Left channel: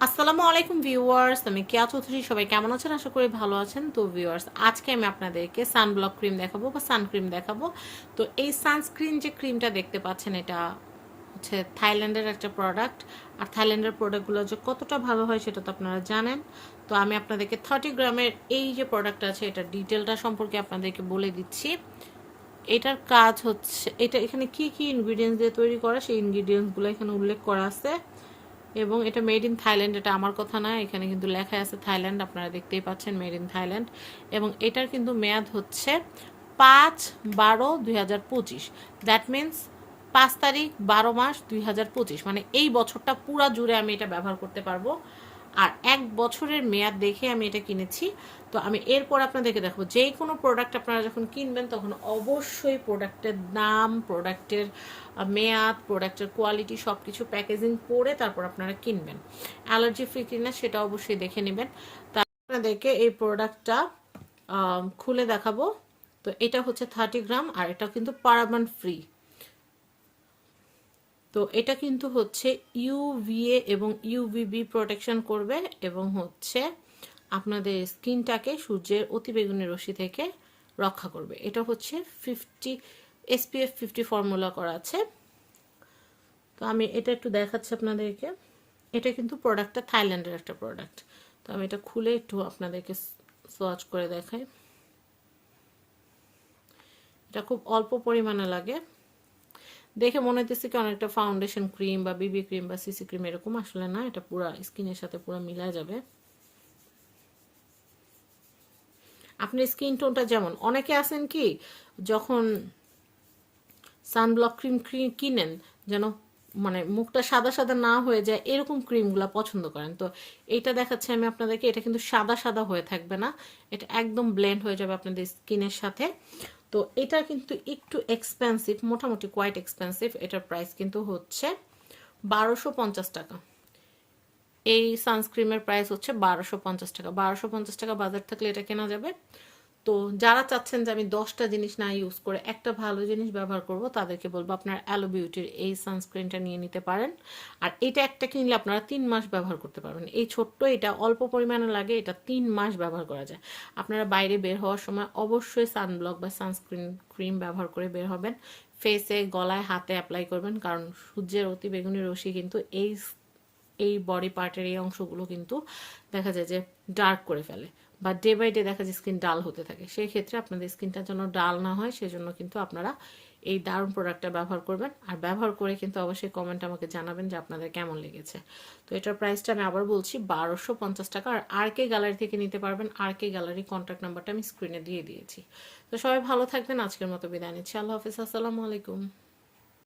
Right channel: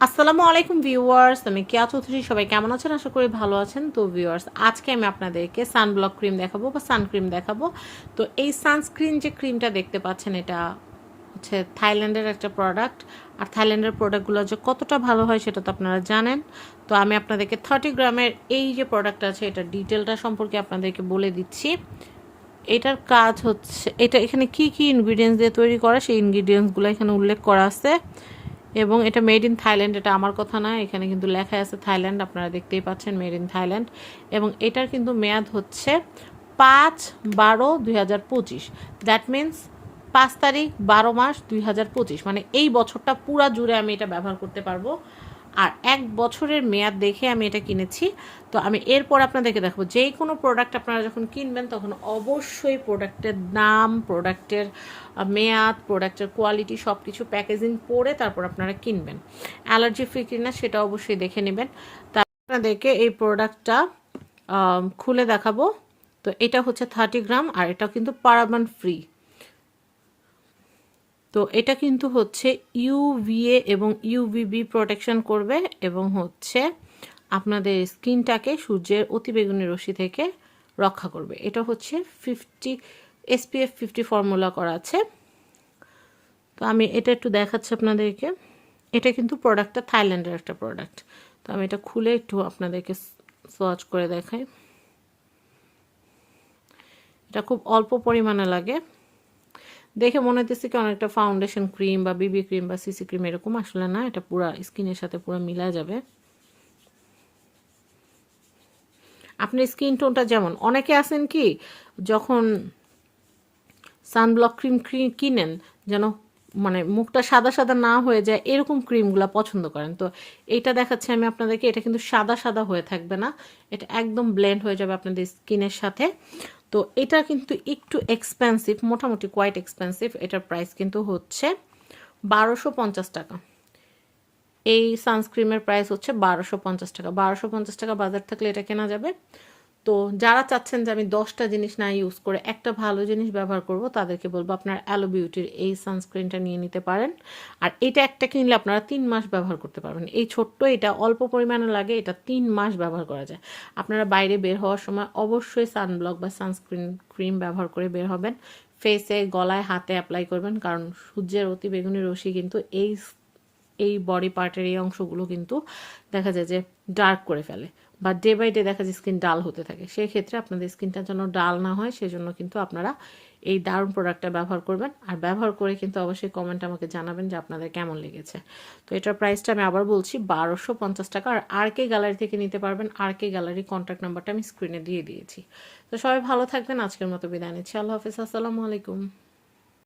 আসসালামু আলাইকুম ভিউয়ার্স, আমি কেয়া চৌধুরী, সবাই কেমন আছেন? আশা করি ভালো আছেন। তো ভিউয়ার্স, আজকে আমি আপনাদেরকে সানব্লক ক্রিম দেখাবো বা সানক্রিম দেখাবো। তো এই সানস্ক্রিন যে ক্রিমটা দেখতে পাচ্ছেন, এটা হচ্ছে থাইল্যান্ডের একটা প্রোডাক্ট আর থাইল্যান্ডের প্রোডাক্টগুলো যে কতটা ভালো হয় সেটা তো আপনারা জানেন। তো আমি আপনাদেরকে থার্টি গ্রামের এই যে প্রোডাক্ট আছে, এটা ডিটেলটা সম্পর্কে আপনাদেরকে বলে দিচ্ছি। এটার কাজ হচ্ছে, এটা এখানে কি কি ইনগ্রিডিয়েন্টস দিয়ে তৈরি করা, সেই ইনগ্রিডিয়েন্টসগুলো এখানে উল্লেখ করা আছে। এবং এটা মেড ইন থাইল্যান্ড এটা আমার কথা না। এখানে কিন্তু লেখা আছে থাইল্যান্ড আপনারা দেখতেই পাচ্ছেন মেড ইন থাইল্যান্ড এবং এটার কিন্তু মেয়াদ হচ্ছে পাঁচ বারো দুই হাজার পঁচিশ। দ্যাট মিন্স পাঁচ তারিখ বারো মাস দুই হাজার পঁচিশ। মানে এই বছরটা পুরা জুড়ে আমি এটা ব্যবহার করতে পারব। আর এক বছরের মেয়াদ দেখে আমি এটা কিনেছি। তো আমি এরপর আপনাদেরকে দেখাবো যেই কোনো প্রোডাক্ট আপনারা যখন কিনবেন, তখন অবশ্যই প্রোডাক্টের দাম প্রোডাক্টের মেয়াদ প্রোডাক্টের কোয়ালিটি সব কিছু প্যাকেজিং পরে তারপর আপনারা কিনবেন। অ্যালার্জি ফ্রি কিনা সেটা অবশ্যই দেখে নেবেন। তার আপনাদেরকে এই প্রোডাক্টটা খুলে দেখাবো। তো এটা হচ্ছে থার্টি গ্রাম আর এটা কিন্তু পারাবান ফ্রি তো এটা কিন্তু হচ্ছে ইউভিএ এবং ইউভিবি প্রোটেকশন করবে এবং হচ্ছে আপনাদের স্কিনটাকে সূর্যের অতিবেগুনি রশ্মি থেকে রক্ষা করবে। এটা হচ্ছে ফিফটি এসপিএফ ফিফটি ফর্মুলা করা আছে। তো আমি এটা একটু দেখাচ্ছি আপনাদেরকে। এটা কিন্তু প্রোডাক্টটা থাইল্যান্ডের একটা প্রোডাক্ট তো আমি এটা খুলে একটু আপনাদেরকে সোয়াচ করে দেখাই। এটা খুব অল্প পরিমাণে লাগে। দেখে মনে হতেছে কি অনেকটা ফাউন্ডেশন ক্রিম বা বিবি ক্রিম বা সিসি ক্রিম এরকম আসলে না, এটা পুরো স্কিনের সাথে পুরো মিলা যাবে। আপনার স্কিন টোনটা যেমন, অনেকে আছেন কি, যখন সানব্লক ক্রিম কিনেন, যেন মানে মুখটা সাদা সাদা না হয়ে যায়, এরকম ক্রিমগুলো পছন্দ করেন। তো এটা দেখাচ্ছি আমি আপনাদেরকে, এটা কিন্তু সাদা সাদা হয়ে থাকবে না, এটা একদম ব্লেন্ড হয়ে যাবে আপনাদের স্কিনের সাথে। তো এটা কিন্তু একটু এক্সপেন্সিভ মোটামুটি কোয়াইট এক্সপেন্সিভ এটার প্রাইস কিন্তু হচ্ছে বারোশো পঞ্চাশ টাকা। এই সানস্ক্রিমের প্রাইস হচ্ছে বারোশো পঞ্চাশ টাকা। বারোশো পঞ্চাশ টাকা বাজার থাকলে এটা কেনা যাবে। তো যারা চাচ্ছেন যে আমি দশটা জিনিস না ইউজ করে একটা ভালো জিনিস ব্যবহার করব, তাদেরকে বলব আপনার অ্যালো বিউটির এই সানস্ক্রিনটা নিয়ে নিতে পারেন। আর এটা একটা কিনলে আপনারা তিন মাস ব্যবহার করতে পারবেন। এই ছোট্ট, এটা অল্প পরিমাণে লাগে, এটা তিন মাস ব্যবহার করা যায়। আপনারা বাইরে বের হওয়ার সময় অবশ্যই সানব্লক বা সানস্ক্রিন ক্রিম ব্যবহার করে বের হবেন। ফেসে গলায়, হাতে অ্যাপ্লাই করবেন, কারণ সূর্যের অতি বেগুনি রশ্মি কিন্তু এই এই বডি পার্টের এই অংশগুলো কিন্তু দেখা যায় যে ডার্ক করে ফেলে। বা ডে বাই ডে দেখা যায় স্কিন ডাল হতে থাকে। সেই ক্ষেত্রে আপনাদের স্কিনটা যেন ডাল না হয়, সেজন্য কিন্তু আপনারা এই দারুণ প্রোডাক্টটা ব্যবহার করবেন। আর ব্যবহার করে কিন্তু অবশ্যই কমেন্ট আমাকে জানাবেন যে আপনাদের কেমন লেগেছে। তো এটার প্রাইসটা আমি আবার বলছি বারোশো পঞ্চাশ টাকা। আর আর কে গ্যালারি থেকে নিতে পারবেন। আর কে গ্যালারি কন্ট্যাক্ট নাম্বারটা আমি স্ক্রিনে দিয়ে দিয়েছি। তো সবাই ভালো থাকবেন। আজকের মতো বিদায় নিচ্ছি। আল্লাহ হাফিজ। আসসালামু আলাইকুম।